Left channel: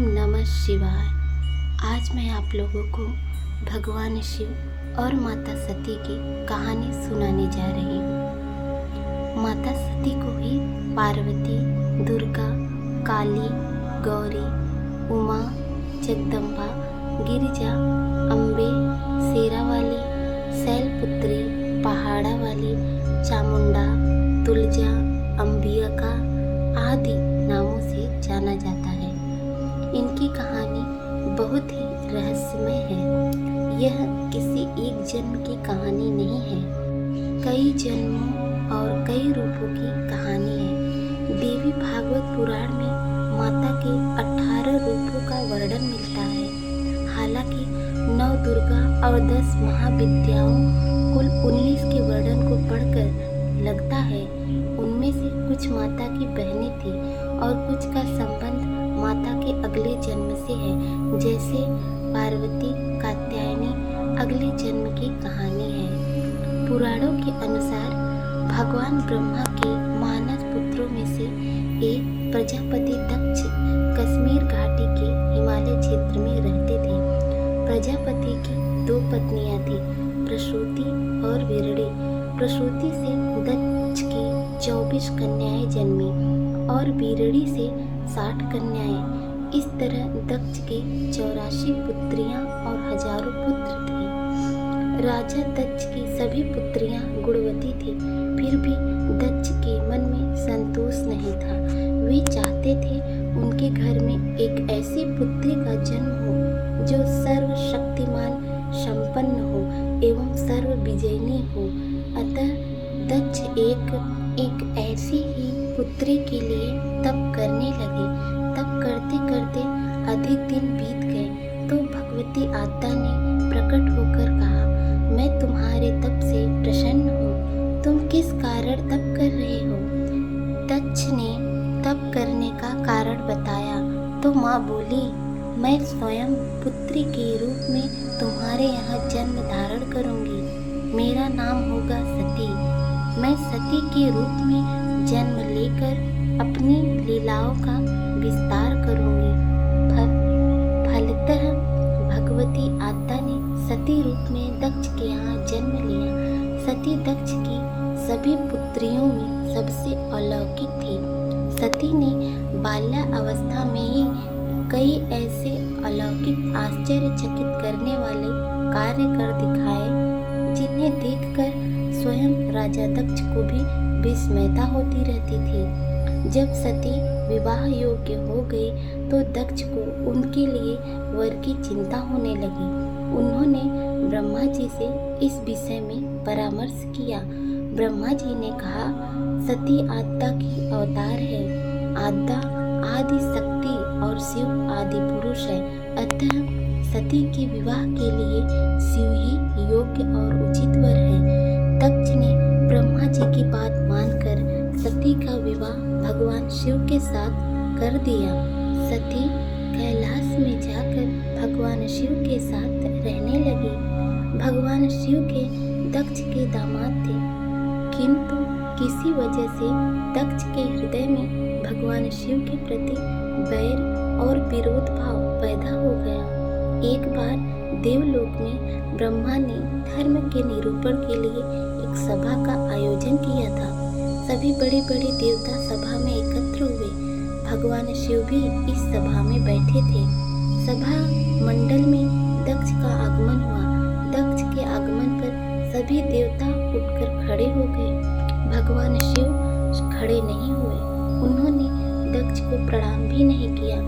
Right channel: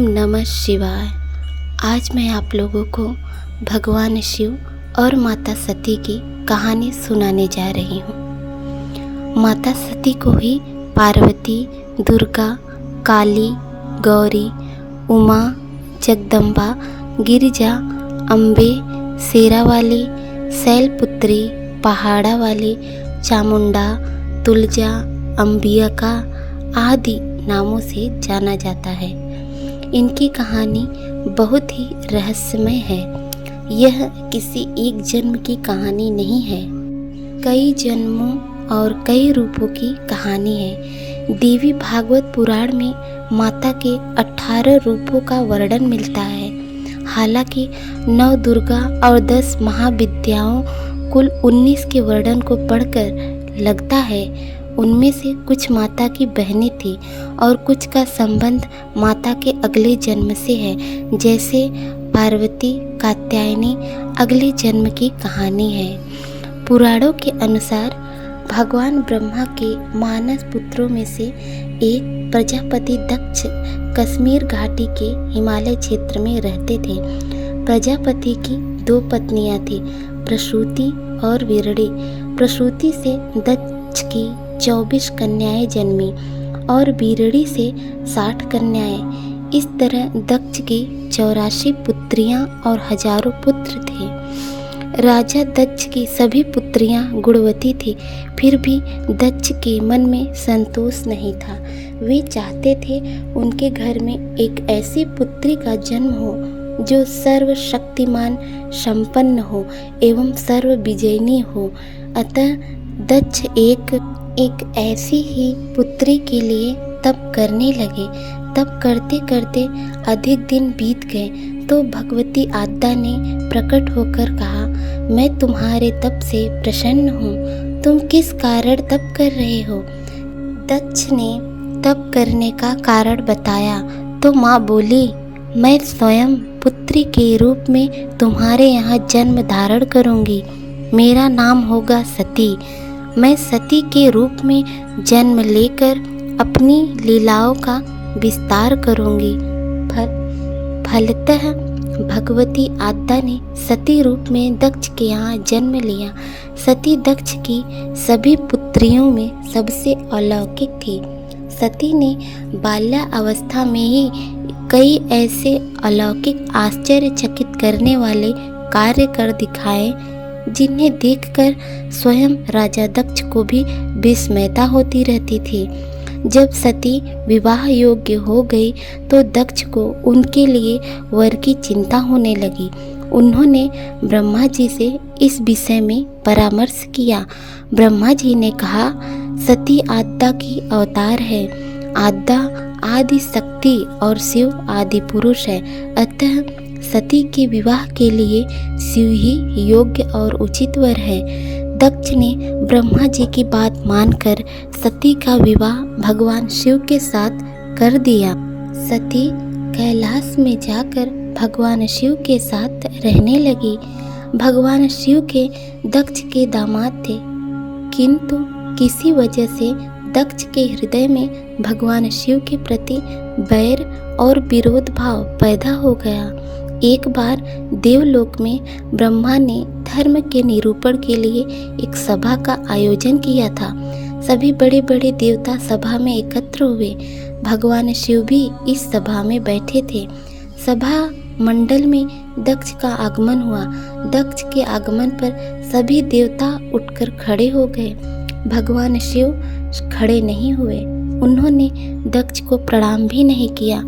नमः शिवाय। आज मैं आप लोगों को भगवान शिव और माता सती की कहानी सुनाने जा रही हूँ। माता सती को ही पार्वती, दुर्गा, काली, गौरी, उमा, जगदम्बा, गिरिजा, अम्बे, शेरावाली, शैलपुत्री, पहाड़ा वाली, चामुंडा, तुलजा, अंबिका आदि नामों से जाना जाता है। इनकी कहानी बहुत ही रहस्यमय है। यह किसी एक जन्म की कहानी नहीं है, कई जन्मों और कई रूपों की कहानी है। देवी भागवत पुराण में माता के 18 रूपों का वर्णन मिलता है। हालांकि 9 दुर्गा और 10 महाविद्याओं कुल 19 के वर्णन को पढ़कर लगता है उनमें से कुछ माता की बहनें थी और कुछ का संबंध माता के अगले जन्म से है, जैसे पार्वती कात्यायनी अगले जन्म की कहानी है। पुराणों के अनुसार भगवान ब्रह्मा के मानस पुत्रों में से एक प्रजापति दक्ष कश्मीर घाटी के हिमालय क्षेत्र में रहते थे। प्रजापति की 2 पत्नियां थी, प्रसूति और विरड़ी। प्रसूति से दक्ष की 24 कन्याएं जन्मी और बीरड़ी से 60 कन्याएं। इस तरह दक्ष की 84 पुत्रियां और हजारों पुत्र थे। राजा दक्ष की सभी पुत्रियां गुणवती थी, फिर भी दक्ष के मन में संतोष नहीं था। वे चाहते थे उनके घर में एक ऐसी पुत्री का जन्म हो जो सर्वशक्तिमान संपन्न हो एवं सर्व विजयिनी हो। अतः दक्ष एक ऐसी ही पुत्री के लिए तप करने लगे। तप करते करते अधिक दिन बीत गए तो भगवती आद्या ने प्रकट होकर कहा, मैं तुम्हारे तप से प्रसन्न हूँ। तुम किस कारण तप कर रहे हो? दक्ष ने तप करने का कारण बताया तो माँ बोली, मैं स्वयं पुत्री के रूप में तुम्हारे यहाँ जन्म धारण करूँगी। मेरा नाम होगा सती। मैं सती के रूप में जन्म लेकर अपनी लीलाओं का विस्तार करूँगी। फलतः भगवती आद्या ने सती रूप में दक्ष के यहाँ जन्म लिया। सती दक्ष की सभी पुत्रियों में सबसे अलौकिक थी। सती ने बाल्यावस्था में ही कई ऐसे अलौकिक आश्चर्यचकित करने वाले कार्य कर दिखाए जिन्हें देखकर स्वयं राजा दक्ष को भी विस्मयता होती रहती थी। जब सती विवाह योग्य हो गई तो दक्ष को उनके लिए वर की चिंता होने लगी। उन्होंने ब्रह्मा जी से इस विषय में परामर्श किया। ब्रह्मा जी ने कहा, सती आद्या की अवतार है। आद्या आदि शक्ति और शिव आदि पुरुष है। अतः सती के विवाह के लिए शिव ही योग्य और उचित वर है। दक्ष ने ब्रह्मा जी की बात मानकर सती का विवाह भगवान शिव के साथ कर दिया। सती कैलाश में जाकर भगवान शिव के साथ रहने लगी। भगवान शिव के दक्ष के दामाद थे, किंतु किसी वजह से दक्ष के हृदय में भगवान शिव के प्रति बैर और विरोध भाव पैदा हो गया। एक बार देवलोक में ब्रह्मा ने धर्म के निरूपण के लिए एक सभा का आयोजन किया था। सभी बड़े बड़े देवता सभा में एकत्र हुए। भगवान शिव भी इस सभा में बैठे थे। सभा मंडल में दक्ष का आगमन हुआ। दक्ष के आगमन पर सभी देवता उठकर खड़े हो गए। भगवान शिव खड़े नहीं हुए। उन्होंने दक्ष को प्रणाम भी नहीं किया।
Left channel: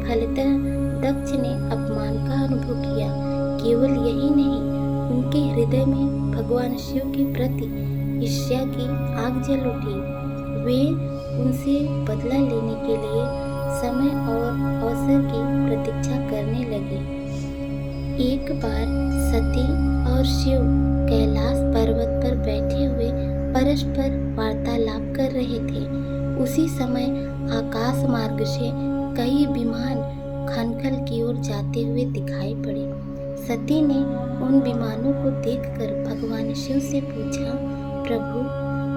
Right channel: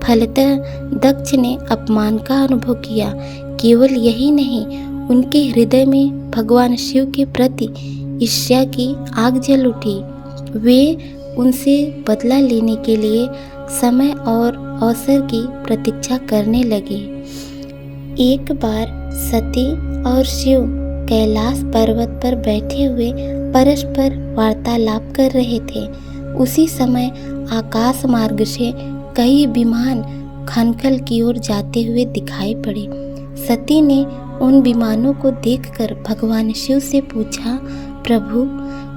फलतः दक्ष ने अपमान का अनुभव किया। केवल यही नहीं, उनके हृदय में भगवान शिव के प्रति ईर्ष्या की आग जल उठी। वे उनसे बदला लेने के लिए समय और अवसर की प्रतीक्षा करने लगे। एक बार सती और शिव कैलाश पर्वत पर बैठे हुए परस्पर वार्तालाप कर रहे थे। उसी समय आकाश मार्ग से कई विमान खनखल की ओर जाते हुए दिखाई पड़े। सती ने उन विमानों को देखकर भगवान शिव से पूछा, प्रभु,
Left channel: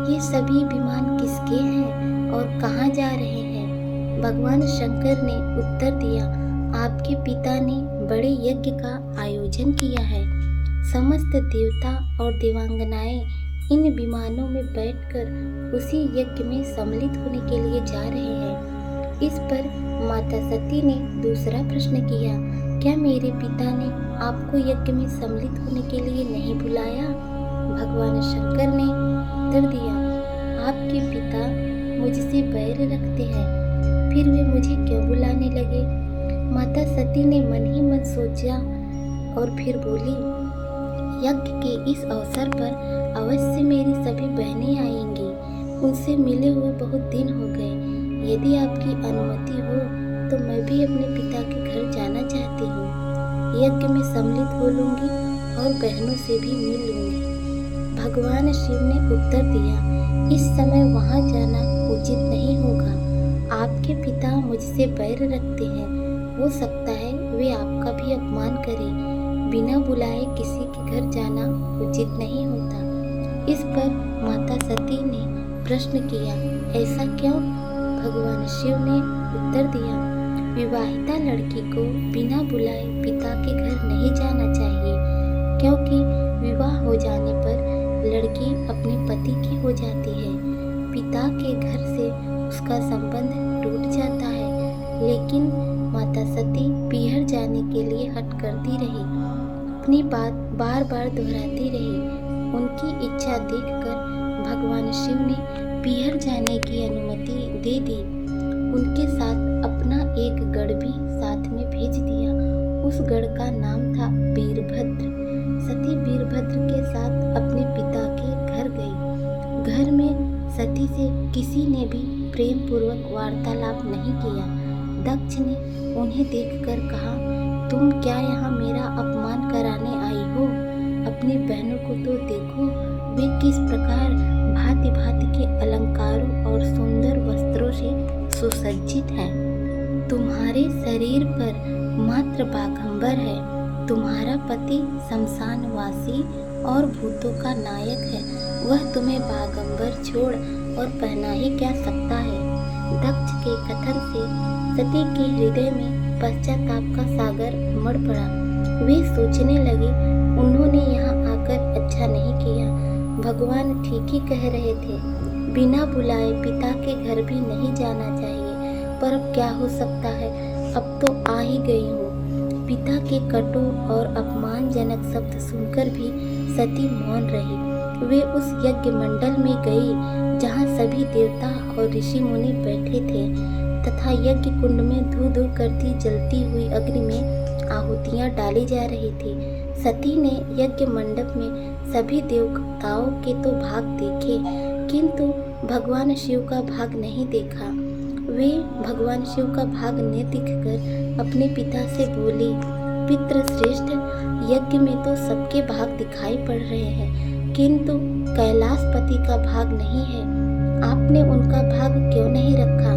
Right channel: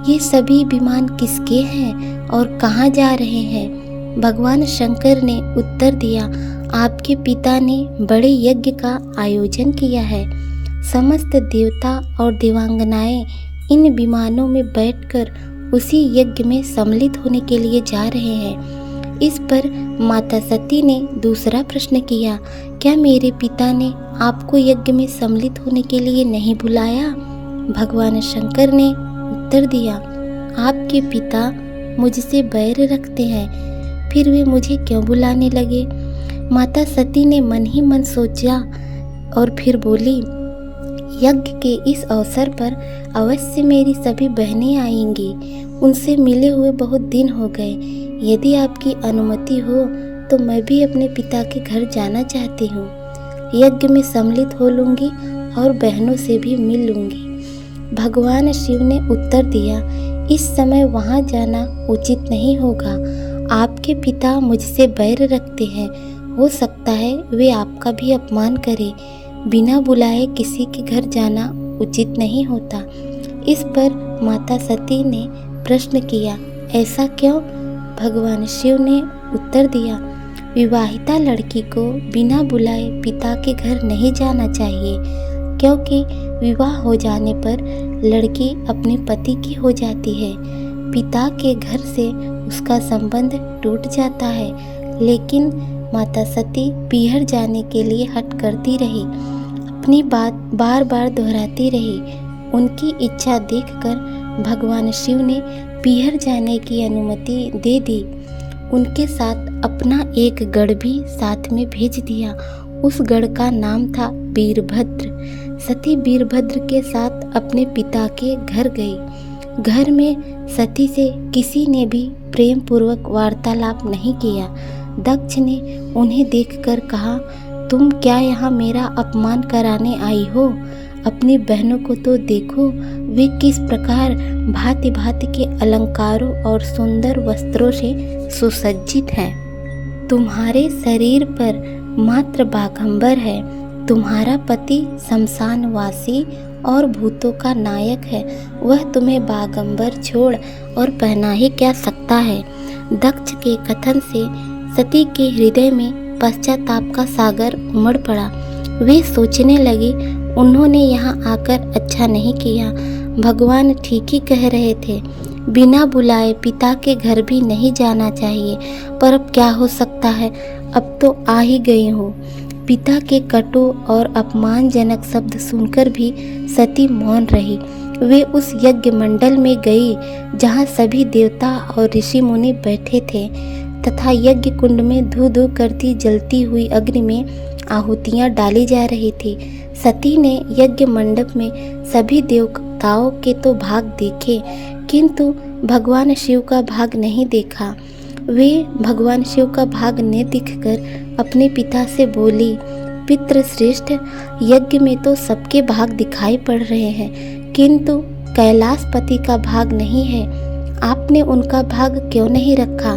ये सभी विमान किसके हैं और कहाँ जा रहे हैं? भगवान शंकर ने उत्तर दिया, आपके पिता ने बड़े यज्ञ का आयोजन किया है। समस्त देवता और देवांगनाएं इन विमानों में बैठकर उसी यज्ञ में सम्मिलित होने के लिए जा रहे हैं। इस पर माता सती ने दूसरा प्रश्न किया, क्या मेरे पिता ने आपको यज्ञ में सम्मिलित होने के लिए नहीं बुलाया? भगवान शंकर ने उत्तर दिया, आपके पिता मुझसे बैर रखते हैं, फिर वे मुझे क्यों बुलाने लगे? माता सती ने मन ही मन सोचा और फिर बोली, यज्ञ के इस अवसर पर अवश्य मेरी सभी बहनें आएंगी। उनसे मिले हुए बहुत दिन हो गए। यदि आपकी अनुमति हो तो मैं भी अपने पिता के घर जाना चाहती हूँ। यज्ञ में सम्मिलित हो लूँगी और बहनों से भी मिल लूँगी। भगवान शिव ने उत्तर दिया, इस समय वहाँ जाना उचित नहीं होगा। आपके पिता मुझसे बैर रखते हैं। हो सकता है वे आपका भी अपमान करें। बिना बुलाए किसी के घर जाना उचित नहीं होता। इस पर माता सती ने प्रश्न किया, ऐसा क्यों? भगवान शिव ने उत्तर दिया, विवाहिता लड़की को बिना बुलाए पिता के घर नहीं जाना चाहिए, क्योंकि विवाह हो जाने पर लड़की अपने पति की हो जाती है। पिता के घर से उसका संबंध टूट जाता है। लेकिन माता सती पीहर जाने के लिए हठ करती रही, अपनी बात बार बार दोहराती रही। उनकी इच्छा देखकर भगवान शिव ने पीहर जाने की अनुमति दे दी। उनके साथ अपना एक गढ़ भी साथ में भेज दिया। उस गढ़ का नाम था वीरभद्र। सती वीरभद्र के साथ अपने पिता के घर गई। घर में सती से किसी ने भी प्रेम पूर्वक वार्तालाप नहीं किया। दक्ष ने उन्हें देखकर कहा, तुम क्या यहाँ मेरा अपमान कराने आई हो? अपनी बहनों को तो देखो, वे किस प्रकार भांति भांति के अलंकारों और सुंदर वस्त्रों से सुसज्जित हैं। तुम्हारे शरीर पर मात्र बाघंबर है। तुम्हारा पति शमशानवासी और भूतों का नायक है। वह तुम्हें बाघंबर छोड़ और पहना ही क्या सकता है? दक्ष के कथन से सती के हृदय में पश्चाताप का सागर उमड़ पड़ा। वे सोचने लगे, उन्होंने यहाँ आकर अच्छा नहीं किया। भगवान ठीक ही कह रहे थे, बिना बुलाए पिता के घर भी नहीं जाना चाहिए। पर अब क्या हो सकता है, अब तो आ ही गई हूँ। पिता के कटु और अपमानजनक शब्द सुनकर भी सती मौन रही। वे उस यज्ञ मंडल में गई जहाँ सभी देवता और ऋषि मुनि बैठे थे तथा यज्ञ कुंड में धू धू करती जलती हुई अग्नि में आहुतियाँ डाली जा रही थी। सती ने यज्ञ मंडप में सभी देवताओं के तो भाग देखे, किंतु भगवान शिव का भाग नहीं देखा। वे भगवान शिव का भाग न दिखकर अपने पिता से बोली, पितृश्रेष्ठ, यज्ञ में तो सबके भाग दिखाई पड़ रहे हैं, किंतु कैलाशपति का भाग नहीं है। आपने उनका भाग क्यों नहीं रखा?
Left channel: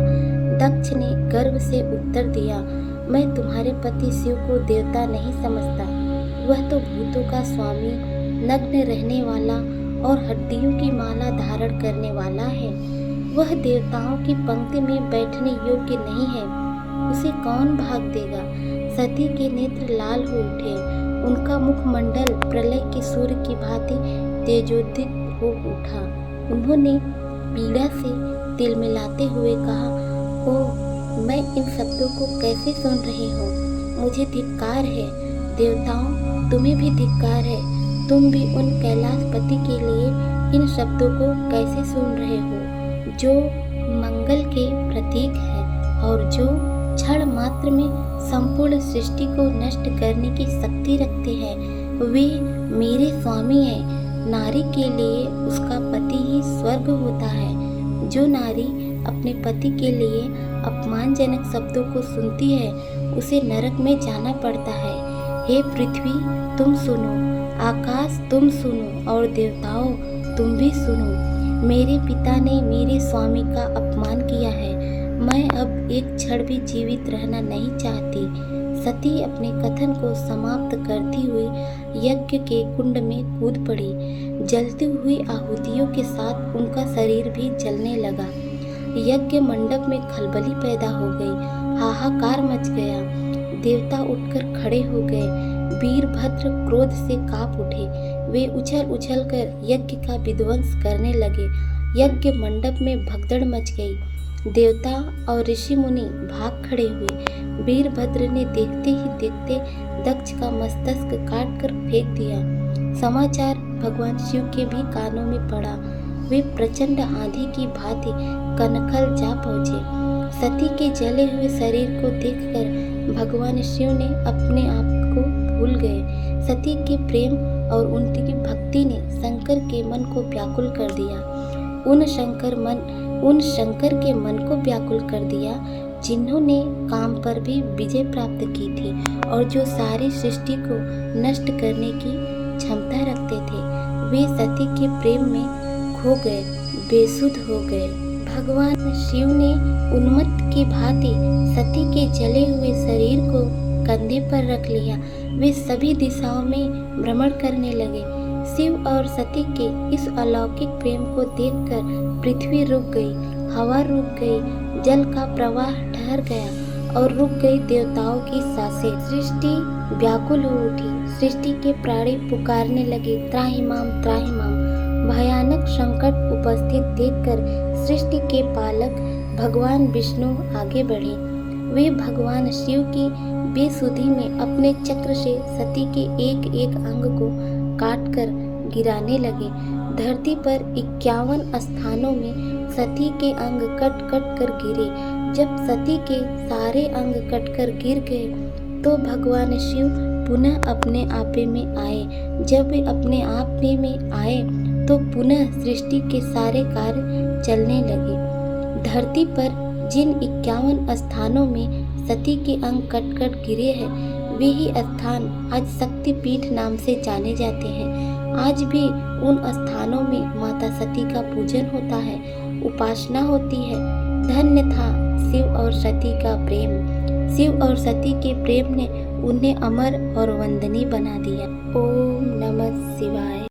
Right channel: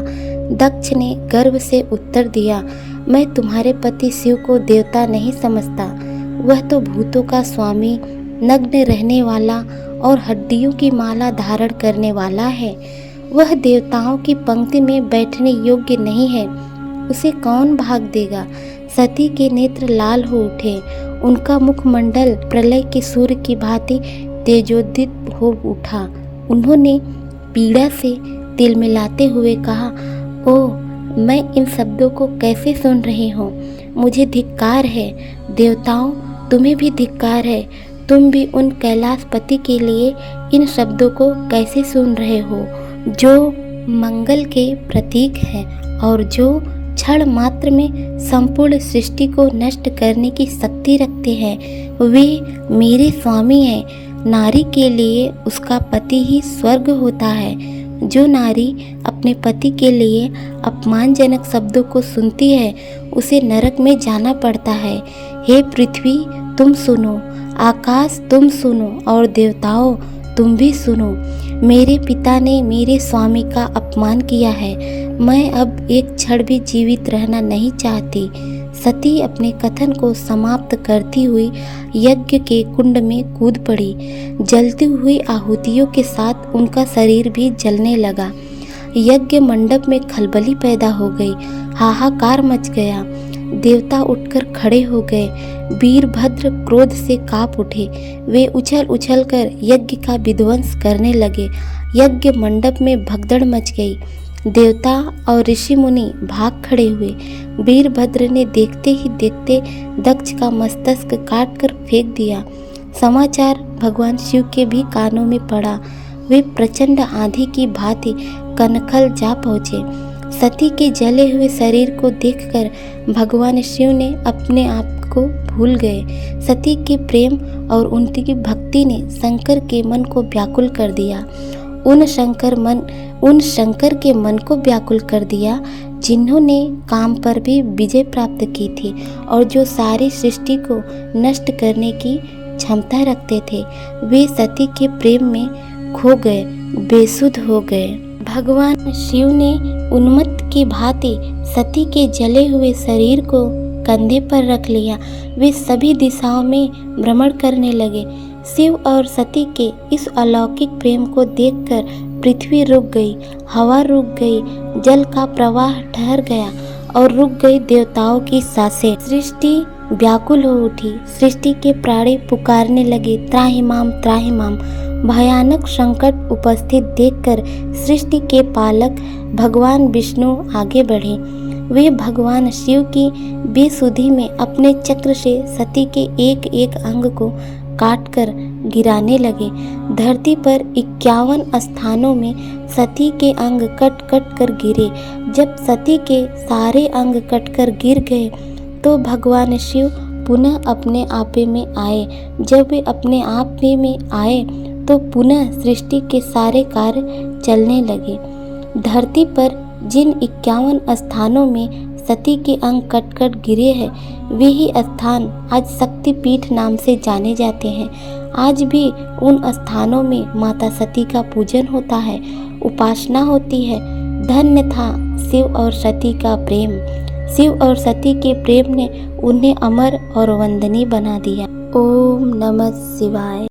दक्ष ने गर्व से उत्तर दिया, मैं तुम्हारे पति शिव को देवता नहीं समझता। वह तो भूतों का स्वामी, नग्न रहने वाला और हड्डियों की माला धारण करने वाला है। वह देवताओं की पंक्ति में बैठने योग्य नहीं है। उसे कौन भाग देगा? सती के नेत्र लाल हो उठे। उनका मुखमंडल प्रलय के सूर्य की भांति तेजोदित हो उठा। उन्होंने पीड़ा से तिलमिलाते हुए कहा, ओह, मैं इन शब्दों को कैसे सुन रही हूँ? मुझे धिक्कार है। देवताओं, तुम्हें भी धिक्कार है। तुम भी उन कैलाशपति के लिए इन शब्दों को कैसे सुन रहे हो, जो मंगल के प्रतीक है और जो क्षण मात्र में संपूर्ण सृष्टि को नष्ट करने की शक्ति रखते हैं। वे मेरे स्वामी हैं। नारी के लिए उसका पति ही स्वर्ग होता है। जो नारी अपने पति के लिए अपमानजनक शब्दों को सुनती है, उसे नरक में जाना पड़ता है। हे पृथ्वी, तुम सुनो, आकाश तुम सुनो और देवताओं तुम भी सुनो। मेरे पिता ने मेरे स्वामी का अपमान किया है। मैं अब एक क्षण भी जीवित रहना नहीं चाहती। सती अपने कथन को समाप्त करती हुई यज्ञ के कुंड में कूद पड़ी। जलती हुई आहुतियों के साथ उनका शरीर भी जलने लगा। यज्ञ मंडप में खलबली पैदा हो गई। हाहाकार मच गया। देवता उठकर खड़े हो गए। वीरभद्र क्रोध से कांप उठे। वे उछल उछल कर यज्ञ का विध्वंस करने लगे। यज्ञ मंडप में भगदड़ मच गई। देवता और ऋषि मुनि भाग खड़े हुए। वीरभद्र ने देखते ही देखते दक्ष का मस्तक काट कर फेंक दिया। समाचार भगवान शिव के भी कानों में पड़ा। वे प्रचंड आंधी की भांति कनखल जा पहुँचे। सती के जले हुए शरीर को देखकर भगवान शिव ने अपने आप को भूल गए। सती के प्रेम और उनकी भक्ति ने शंकर के मन को व्याकुल कर दिया। उन शंकर के मन को व्याकुल कर दिया जिन्होंने काम पर भी विजय प्राप्त की थी और जो सारी सृष्टि को नष्ट करने की क्षमता रखते थे। वे सती के प्रेम में खो गए, बेसुध हो गए। भगवान शिव ने उन्मत्त की भांति सती के जले हुए शरीर को कंधे पर रख लिया। वे सभी दिशाओं में भ्रमण करने लगे। शिव और सती के इस अलौकिक प्रेम को देखकर पृथ्वी रुक गई, हवा रुक गई, जल का प्रवाह ठहर गया और रुक गई देवताओं की सांसें। सृष्टि व्याकुल हो उठी। सृष्टि के प्राणी पुकारने लगे, त्राहिमाम त्राहिमाम। भयानक संकट उपस्थित देखकर सृष्टि के पालक भगवान विष्णु आगे बढ़े। वे भगवान शिव की बेसुधी में अपने चक्र से सती के एक एक अंग को काटकर गिराने लगे। धरती पर 51 स्थानों में सती के अंग कट कट कर गिरे। जब सती के सारे अंग कटकर गिर गए तो भगवान शिव पुनः अपने आपे में आए। जब वे अपने आप में आए तो पुनः सृष्टि के सारे कार्य चलने लगे। धरती पर जिन 51 स्थानों में सती के अंग कट कट गिरे हैं, वे ही स्थान आज शक्तिपीठ नाम से जाने जाते हैं। आज भी उन स्थानों में माता सती का पूजन होता है, उपासना होती है। धन्य था शिव और सती का प्रेम। शिव और सती के प्रेम ने उन्हें अमर और वंदनीय बना दिया। ओम नमः शिवाय।